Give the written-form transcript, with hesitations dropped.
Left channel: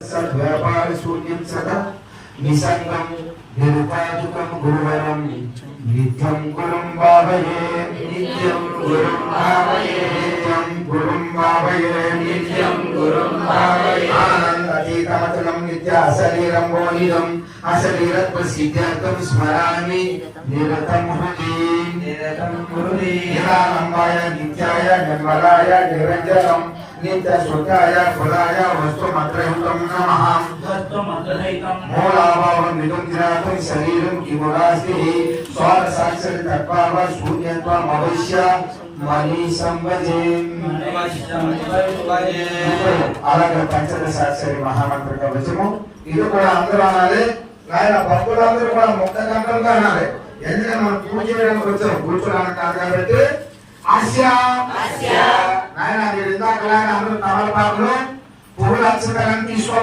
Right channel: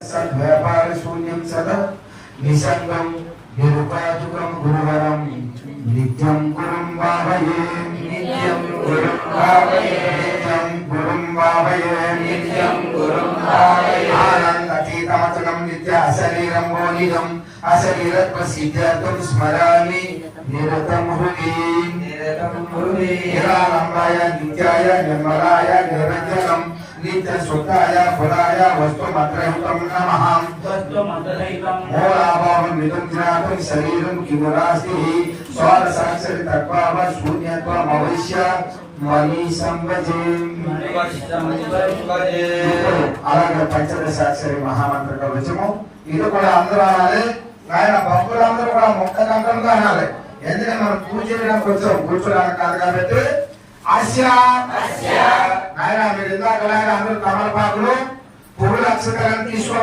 व्यापार शून्यं सतत निसंगं निरुपाधिकं गुरुवरं नित्यं गुरुं भावये नित्यं गुरुं भावये नित्यं गुरुं भावये नित्यं गुरुं भावये आनन्दातीतमतुलं नित्याशरीरं गोनिनं अशरीरत्वसिद्ध्यर्थं स्मरामि निरतं हृदि यदा लम्बाय नित्याय निर्मलाय निरञ्जनं नित्य शुद्धाय फलाय वस्तुमत्रहितं नमः वस्तुमत्रहितं मूलाभावं विदुद्रातं शरीरं किमुरास्ति स्वारसाक्षर तत्त्वाव शून्यत्वम् अवश्य मनी संवजे అలాగే పంచదశాక్షరి మహామంత్ర కవచము ఇది కూడా అందరూ అనాలి ఆయన భక్తులందరూ కూడా ముక్త కంఠంగా అనాలి ఎందుకంటే మనం పూజ చేయడానికి వచ్చాం కూర్చోడానికి కాదు కాబట్టి ఆయన మీరు ఇందాకలాగా అందరూ తమలపాకులు పువ్వులు అక్షరాలను తీసుకో